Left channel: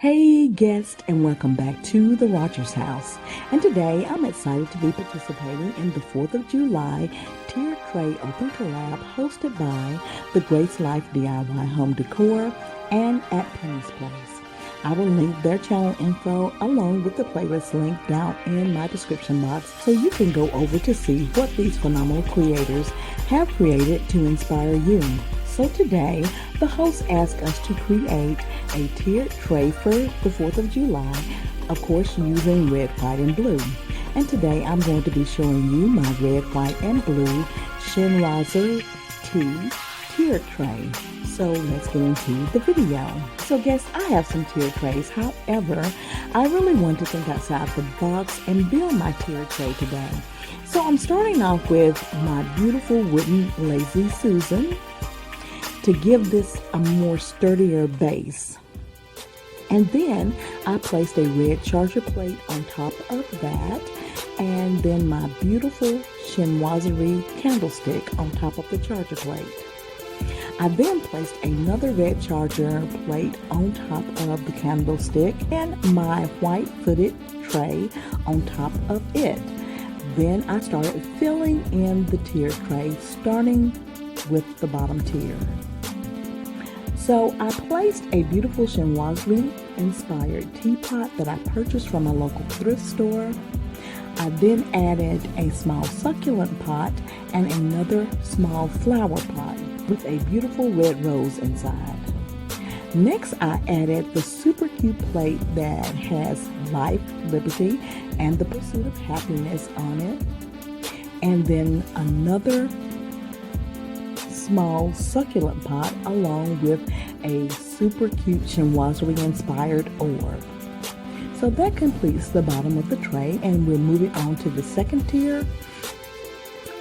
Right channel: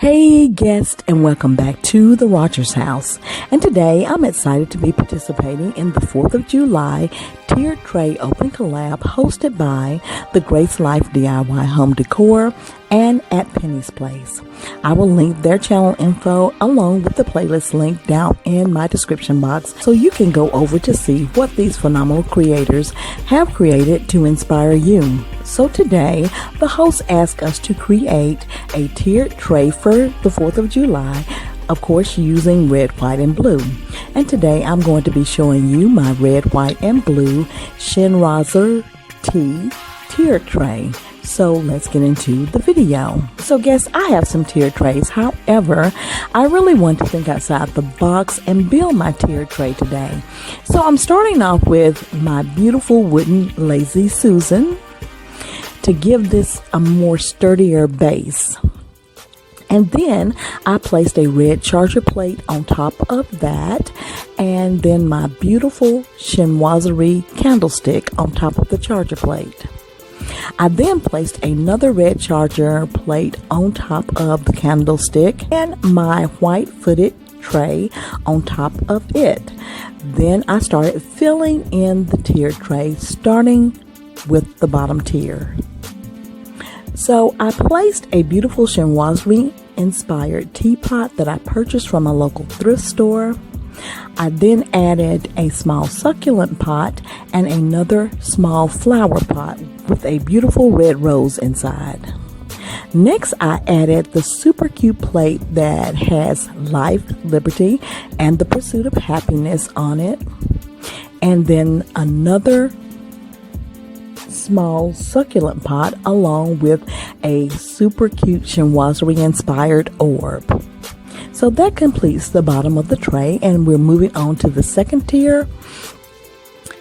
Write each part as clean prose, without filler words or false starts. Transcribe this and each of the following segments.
Hey guest, and welcome back to the Rodgers House. And today I'm excited to be participating in the 4th of July tiered tray open collab hosted by the Grace Life DIY Home Decor and at Penny's Place. I will link their channel info along with the playlist link down in my description box so you can go over to see what these phenomenal creators have created to inspire you. So today, the host asked us to create a tiered tray for the 4th of July, of course using red, white, and blue. And today I'm going to be showing you my red, white, and blue Chinoiserie tiered tray. So let's get into the video. So guess I have some tiered trays. However, I really want to think outside the box and build my tiered tray today. So I'm starting off with my beautiful wooden Lazy Susan to give this a more sturdier base. And then I placed a red charger plate on top of that, and then my beautiful Chinoiserie candlestick on top of the charger plate. I then placed another red charger plate on top of the candlestick and my white footed tray on top of it. Then I started filling in the tiered tray, starting with the bottom tier. So I placed a beautiful Chinoiserie inspired teapot that I purchased from a local thrift store. I then added a small succulent pot and another small flower pot with a beautiful red rose inside. Next, I added the super cute plate that has life, liberty, and the pursuit of happiness on it. And then another small succulent pot along with a super cute Chinoiserie inspired orb. So that completes the bottom of the tray, and we're moving on to the second tier.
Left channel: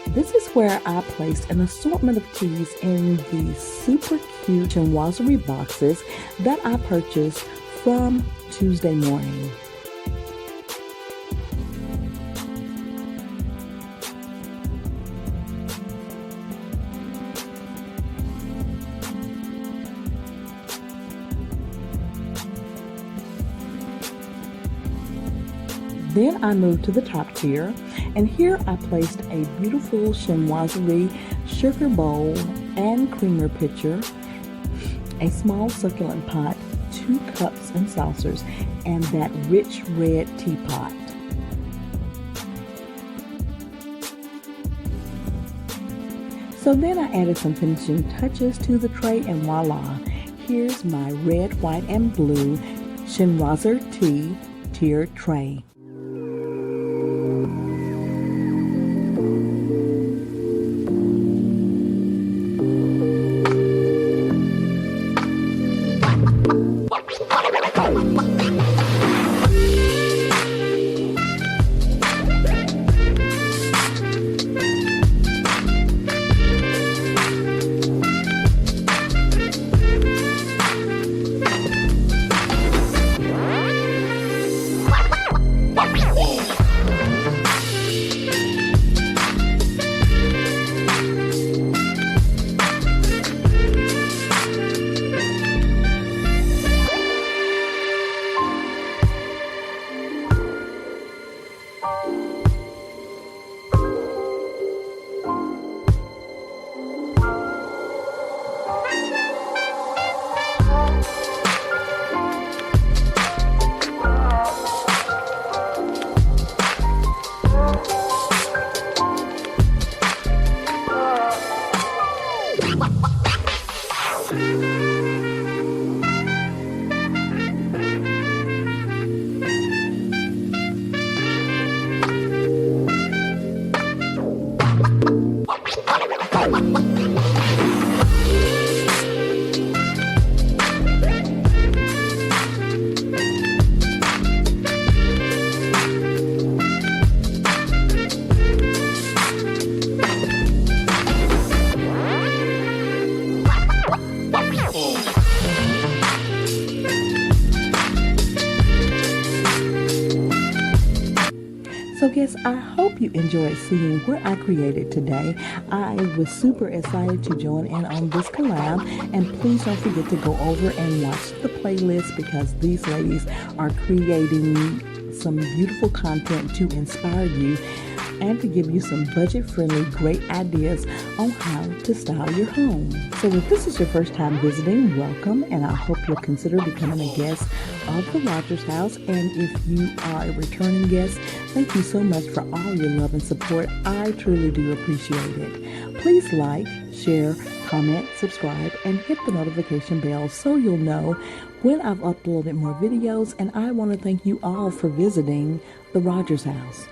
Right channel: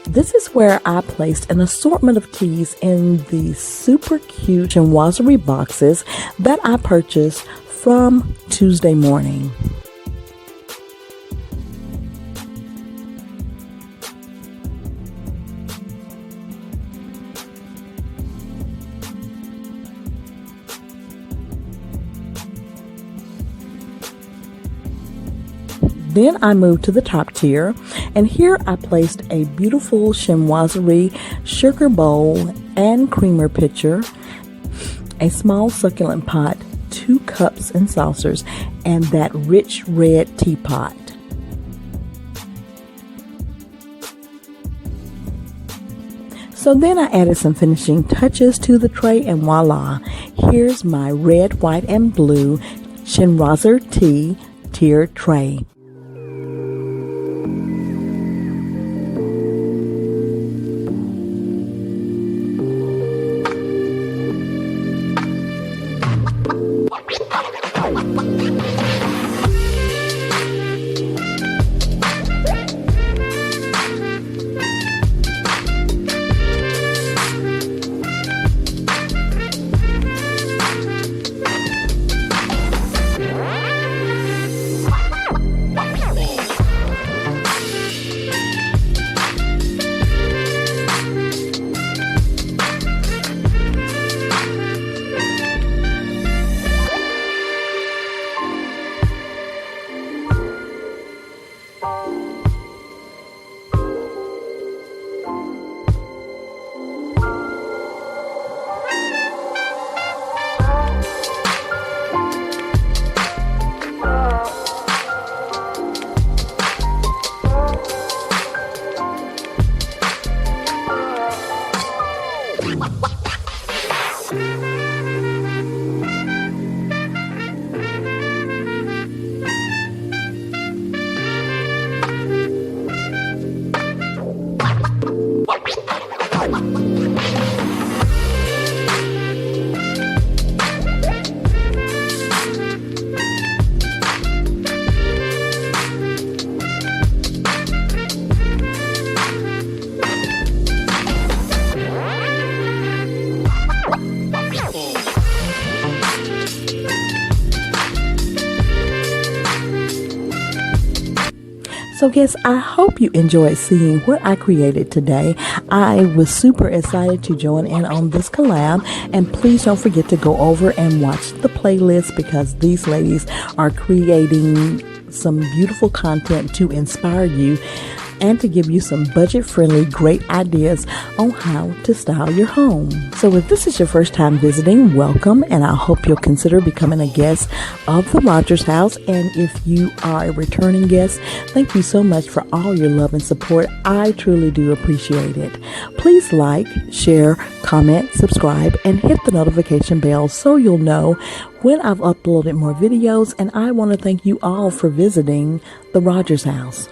This is where I placed an assortment of teas in the super cute Chinoiserie boxes that I purchased from Tuesday Morning. Then I moved to the top tier, and here I placed a beautiful Chinoiserie sugar bowl and creamer pitcher, a small succulent pot, 2 cups and saucers, and that rich red teapot. So then I added some finishing touches to the tray, and voila, here's my red, white, and blue Chinoiserie tiered tray. So guys, I hope you enjoyed seeing what I created today. I was super excited to join in on this collab, and please don't forget to go over and watch the playlist because these ladies are creating some beautiful content to inspire you and to give you some budget-friendly, great ideas on how to style your home. So if this is your first time visiting, welcome, and I hope you'll consider becoming a guest of the Rodgers House. And if you are a returning guest, thank you so much for all your love and support. I truly do appreciate it. Please like, share, comment, subscribe, and hit the notification bell so you'll know when I've uploaded more videos. And I want to thank you all for visiting the Rodgers House.